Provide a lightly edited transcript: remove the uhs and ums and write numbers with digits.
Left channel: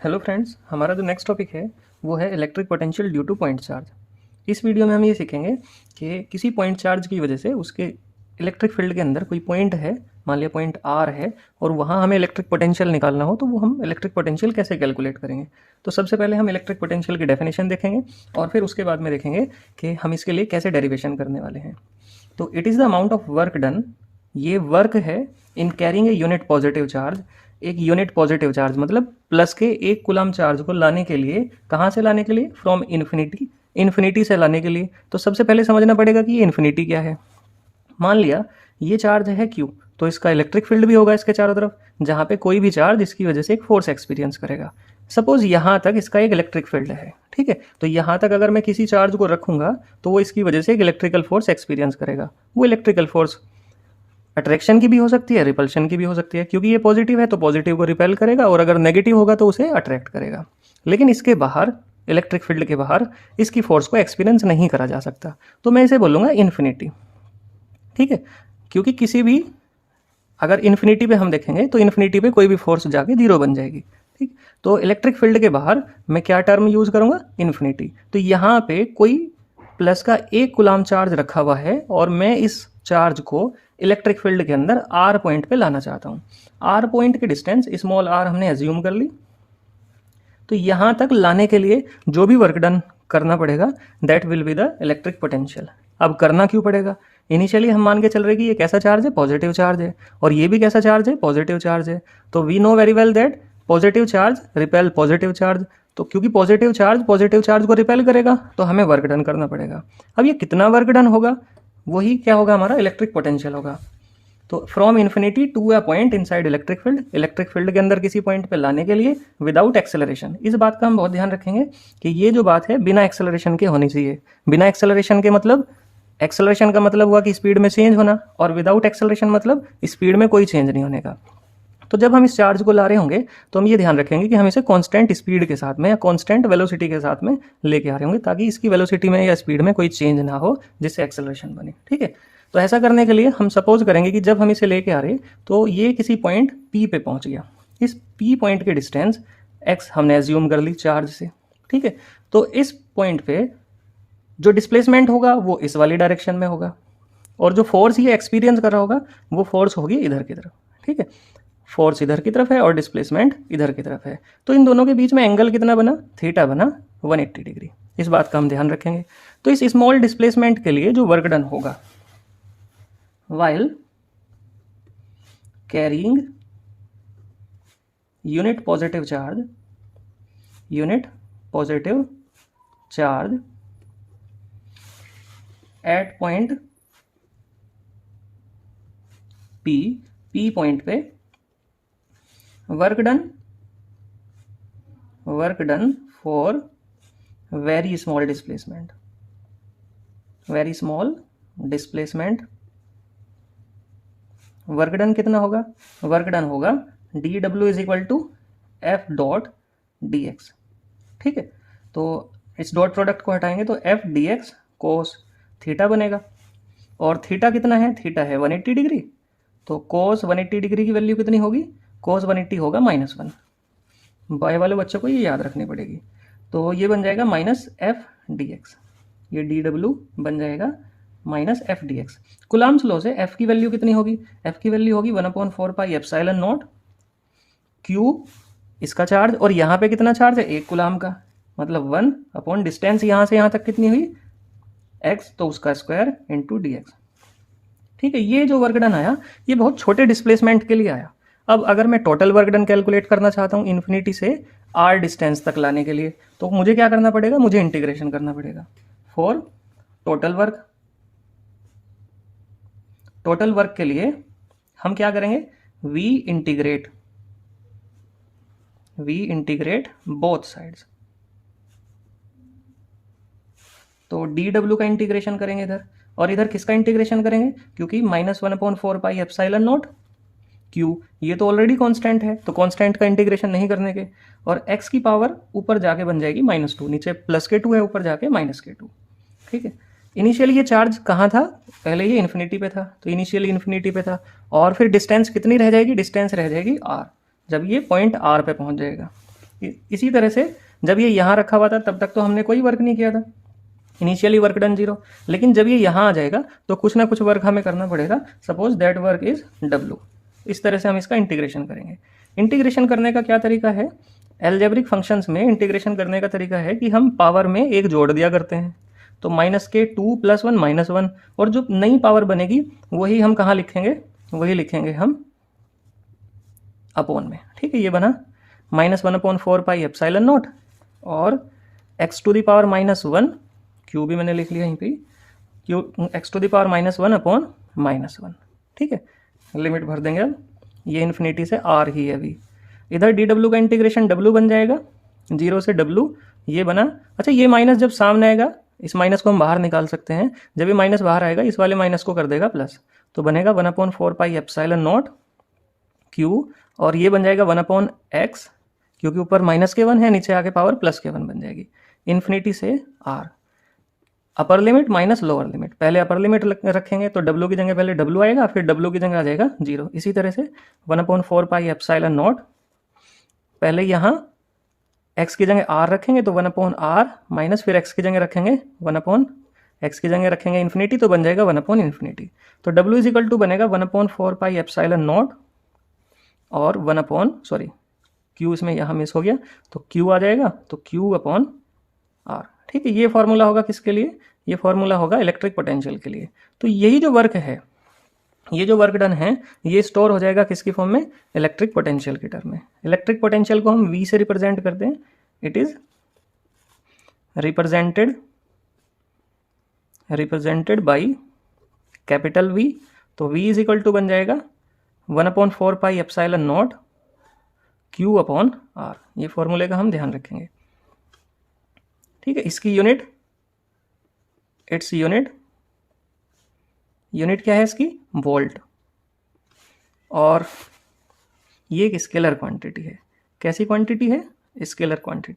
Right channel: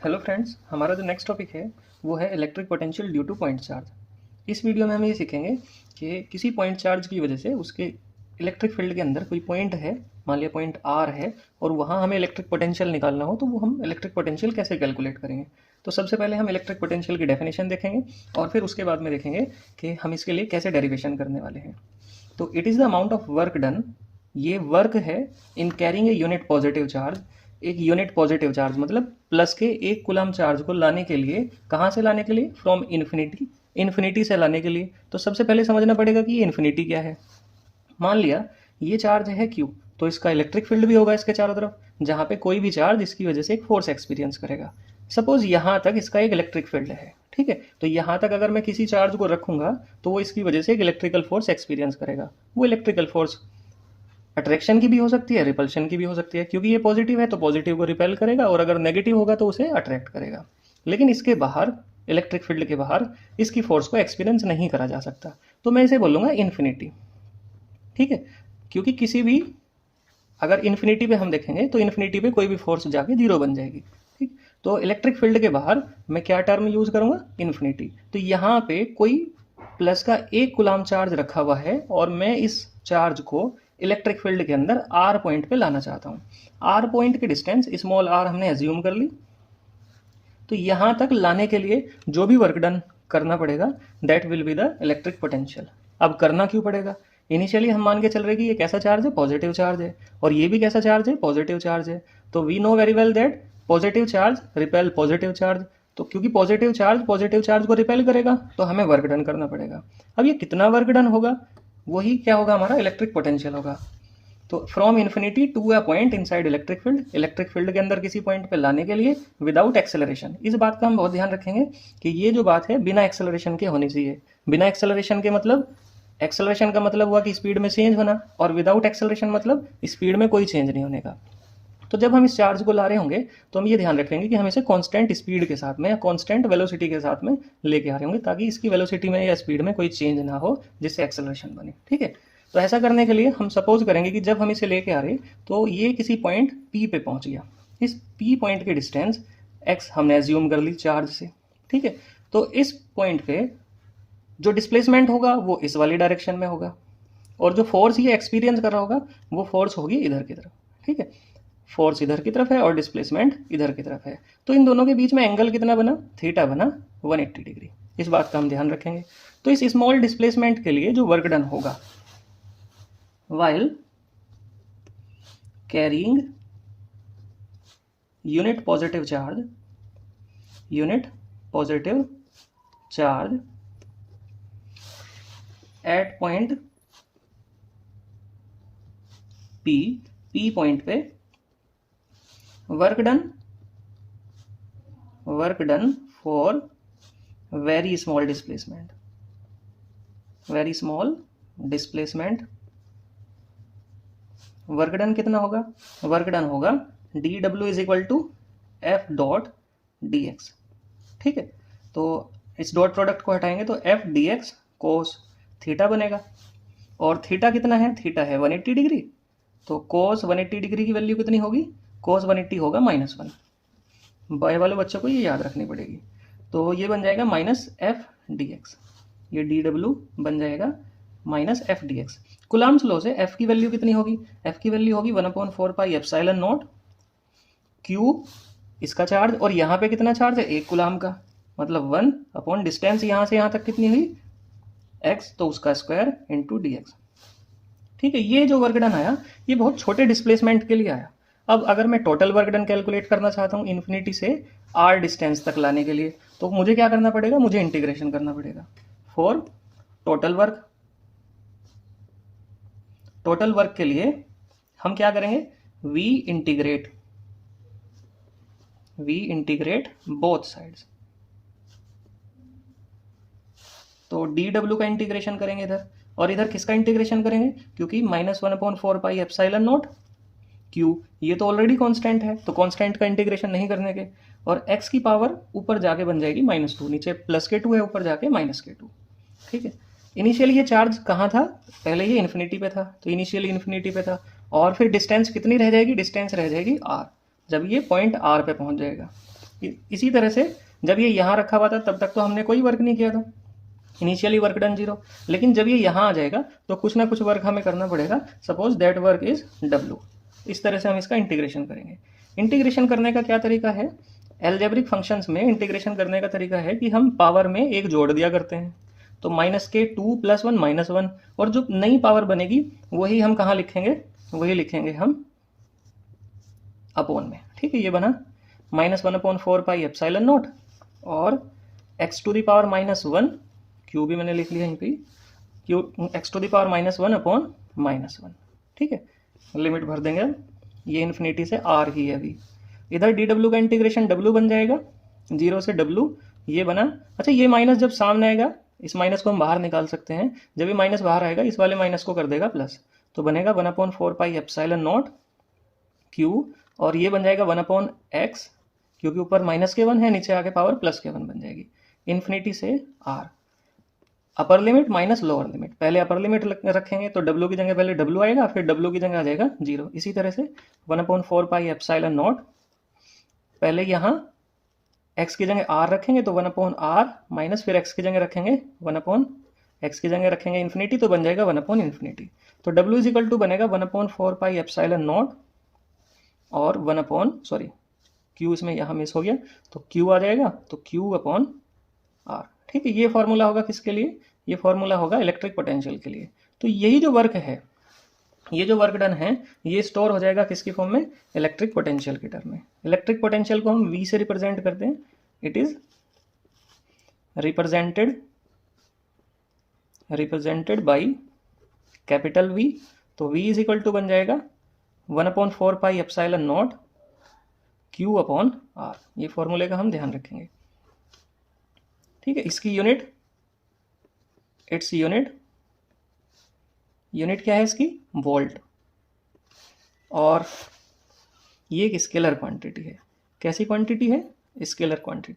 Hello friends, हमारा जो next topic है वो है electric potential due two point charge. इस वीडियो में हम ये सीखेंगे कि किसी पॉइंट चार्ज की वजह से उसके इलेक्ट्रिक फील्ड के अंदर कोई पॉइंट है, मान लिया पॉइंट आर है, और वहाँ हमें इलेक्ट्रिक पोटेंशियल निकालना हो तो वो हम इलेक्ट्रिक पोटेंशियल कैसे कैलकुलेट करेंगे। तो सबसे पहले हम इलेक्ट्रिक पोटेंशियल की डेफिनेशन देखेंगे और फिर उसके बाद में देखेंगे कि हम इसके लिए कैसे डेरिवेशन करने वाले हैं। तो it is the amount of work done, ये वर्क है in carrying a unit positive charge. एक यूनिट पॉजिटिव चार्ज मतलब प्लस के एक कूलम चार्ज को लाने के लिए, कहाँ से लाने के लिए, फ्रॉम इन्फिनिटी, इन्फिनिटी से लाने के लिए। तो सबसे पहले समझना पड़ेगा कि ये इन्फिनिटी क्या है। मान लिया ये चार्ज है क्यू, तो इसका इलेक्ट्रिक फील्ड भी होगा इसके चारों तरफ, जहाँ पे कोई भी चार्ज इसकी वजह से एक फोर्स एक्सपीरियंस करेगा। सपोज यहाँ तक इसका एक इलेक्ट्रिक फील्ड है, ठीक है। तो यहाँ तक अगर मैं किसी चार्ज को रखूंगा तो वो इसकी वजह से एक इलेक्ट्रिकल फोर्स एक्सपीरियंस करेगा। वो इलेक्ट्रिकल फोर्स अट्रैक्शन की भी हो सकती है, रिपल्शन की भी हो सकती है, क्योंकि ये पॉजिटिव है तो पॉजिटिव को रिपेल करेगा और अगर नेगेटिव होगा तो उसे अट्रैक्ट करेगा। लेकिन इसके बाहर, इलेक्ट्रिक फील्ड के बाहर, इसकी फोर्स को एक्सपीरियंस नहीं करा जा सकता। तो मैं इसे बोलूँगा इन्फिनिटी, ठीक है। क्योंकि किसी भी, अगर इन्फिनिटी पे हम देखेंगे तो इन्फिनिटी पे कोई भी फोर्स जाके जीरो बन जाएगी, ठीक। तो इलेक्ट्रिक फील्ड के बाहर मैं क्या टर्म यूज़ करूँगा, इन्फिनिटी। तो यहाँ पे कोई प्लस का एक कूलम चार्ज रखा हुआ है और मैं इस चार्ज को इलेक्ट्रिक फील्ड के अंदर आर पॉइंट पे लाना चाहता हूँ। आर पॉइंट की डिस्टेंस स्मॉल आर हमने एज्यूम कर ली। तो यहाँ तक लाने के लिए जो भी वर्क डन करना पड़ेगा that will be the electric potential. अब करना क्यों पड़ेगा, इनिशियली हम मान के चल रहे कि ये कैसा चार्ज है, पॉजिटिव चार्ज है, और ये भी कैसा चार्ज है, पॉजिटिव चार्ज है। तो we know very well that positive charge repel positive charge. तो क्योंकि पॉजिटिव चार्ज को रिपेल करेगा तो हमें वर्क डन करना पड़ेगा। अब ये कितना वर्क डन होगा, वही क्या होगा, हमारा इलेक्ट्रिक पोटेंशियल होगा। तो from infinity to a point inside electric field, electric field के अंदर किसी पॉइंट पे लाने के लिए विदाउट एक्सेलरेशन। इस बात का हम बहुत ध्यान रखेंगे कि ये जो बात है बिना एक्सेलरेशन के होनी चाहिए। बिना एक्सेलरेशन के मतलब, एक्सेलरेशन का मतलब हुआ कि स्पीड में चेंज होना, और विदाउट एक्सेलरेशन मतलब स्पीड में कोई चेंज नहीं होने का। तो जब हम इस चार्ज को ला रहे होंगे तो हम ये ध्यान रखेंगे कि हम इसे कांस्टेंट स्पीड के साथ में या कांस्टेंट वेलोसिटी के साथ में लेके आ रहे होंगे, ताकि इसकी वेलोसिटी में या स्पीड में कोई चेंज ना हो जिससे एक्सेलरेशन बने, ठीक है। तो ऐसा करने के लिए हम सपोज करेंगे कि जब हम इसे लेके आ रहे तो ये किसी पॉइंट P पे पहुंच गया। इस P पॉइंट के डिस्टेंस x हमने एज्यूम कर ली चार्ज से, ठीक है। तो इस पॉइंट पे जो डिस्प्लेसमेंट होगा वो इस वाली डायरेक्शन में होगा, और जो फोर्स ये एक्सपीरियंस कर रहा होगा वो फोर्स होगी इधर की तरफ, ठीक है। फोर्स इधर की तरफ है और डिस्प्लेसमेंट इधर की तरफ है। तो इन दोनों के बीच में एंगल कितना बना, थीटा बना 180 डिग्री। इस बात का हम ध्यान रखेंगे। तो इस स्मॉल डिस्प्लेसमेंट के लिए जो वर्क डन होगा while carrying unit positive charge at point P point पे work done for very small displacement. Work done कितना होगा, वर्क डन होगा dw is equal to F dot D X, ठीक है। तो इस डॉट प्रोडक्ट को हटाएंगे तो F D X cos theta बनेगा, और थीटा कितना है, थीटा है 180 डिग्री। तो कोस 180 डिग्री की वैल्यू कितनी होगी, कोस 180 होगा -1। बाय वाले बच्चों को ये याद रखनी पड़ेगी। तो ये बन जाएगा माइनस एफ डी एक्स, ये डी डब्ल्यू बन जाएगा minus F D x. Coulomb's law से एफ की वैल्यू कितनी होगी, एफ की वैल्यू होगी 1/4 पाई एप्सिलॉन नॉट क्यू, इसका चार्ज, और यहाँ पे कितना चार्ज है, एक कुलाम का, मतलब 1 अपॉन डिस्टेंस यहाँ से यहाँ तक कितनी हुई, x, तो उसका स्क्वायर इंटू डी एक्स, ठीक है। ये जो वर्क डन आया ये बहुत छोटे डिस्प्लेसमेंट के लिए आया। अब अगर मैं टोटल वर्क डन कैलकुलेट करना चाहता हूँ इन्फिनिटी से r डिस्टेंस तक लाने के लिए, तो मुझे क्या करना पड़ेगा, मुझे इंटीग्रेशन करना पड़ेगा फॉर टोटल वर्क के लिए हम क्या करेंगे, वी इंटीग्रेट बोथ साइड्स। तो dw का इंटीग्रेशन करेंगे इधर, और इधर किसका इंटीग्रेशन करेंगे, क्योंकि -1/4 पाई एप्सिलॉन नॉट क्यू, ये तो ऑलरेडी कांस्टेंट है, तो कांस्टेंट का इंटीग्रेशन नहीं करने के, और x की पावर ऊपर जाके बन जाएगी -2, नीचे +k2 है, ऊपर जाके -k2, ठीक है। इनिशियली ये चार्ज कहाँ था, पहले ये इन्फिनिटी पे था, तो इनिशियली इन्फिनिटी पे था, और फिर डिस्टेंस कितनी रह जाएगी, डिस्टेंस रह जाएगी r, जब ये पॉइंट r पे पहुंच जाएगा। इसी तरह से जब ये यहाँ रखा हुआ था तब तक तो हमने कोई वर्क नहीं किया था, इनिशियली वर्क डन 0, लेकिन जब ये यहाँ आ जाएगा तो कुछ ना कुछ वर्क हमें करना पड़ेगा। Suppose that work is W। इस तरह से हम इसका इंटीग्रेशन करेंगे। इंटीग्रेशन करने का क्या तरीका है? एल्जेब्रिक फंक्शंस में इंटीग्रेशन करने का तरीका है कि हम पावर में एक जोड़ दिया करते हैं, तो -2 + 1 -1, और जो नई पावर बनेगी वही हम कहाँ लिखेंगे? वही लिखेंगे हम अपॉन में। ठीक है, ये बना -1/4πε0 और x⁻⁻1, क्यू भी मैंने लिख लिया यहीं पे, क्यू x⁻⁻1/-1। ठीक है, लिमिट भर देंगे अब, ये इन्फिनिटी से r ही है अभी। इधर dw का इंटीग्रेशन w बन जाएगा, 0 से w ये बना। अच्छा, ये माइनस जब सामने आएगा, इस माइनस को हम बाहर निकाल सकते हैं। जब ये माइनस बाहर आएगा इस वाले माइनस को कर देगा प्लस, तो बनेगा 1/4πε0 q, और ये बन जाएगा 1/x, क्योंकि ऊपर -1 है, नीचे आके पावर +1 बन जाएगी, इन्फिनिटी से r। Upper limit minus lower limit, पहले अपर लिमिट रखेंगे तो w की जगह पहले w आएगा, फिर w की जगह आ जाएगा 0। इसी तरह से 1/4πε0, पहले यहाँ x की जगह r रखेंगे तो 1/r माइनस, फिर x की जगह रखेंगे 1/x की जगह रखेंगे इन्फिनिटी, तो बन जाएगा 1/∞। तो w = बनेगा 1/4πε0 और q इसमें यहाँ मिस हो गया, तो q आ जाएगा, तो q/r। ठीक है, ये फॉर्मूला होगा किसके लिए? ये फॉर्मूला होगा इलेक्ट्रिक पोटेंशियल के लिए। तो यही जो वर्क है, ये जो वर्क डन है, ये स्टोर हो जाएगा किसकी फॉर्म में? इलेक्ट्रिक पोटेंशियल के टर्म में। इलेक्ट्रिक पोटेंशियल को हम V से रिप्रेजेंट करते हैं। It is represented by capital V। तो V = बन जाएगा 1/4πε0 q/r। ये फॉर्मूले का हम ध्यान रखेंगे। ठीक है, इसकी यूनिट, इट्स यूनिट क्या है इसकी? वोल्ट। और ये एक स्केलर क्वांटिटी है। कैसी क्वांटिटी है? Scalar quantity.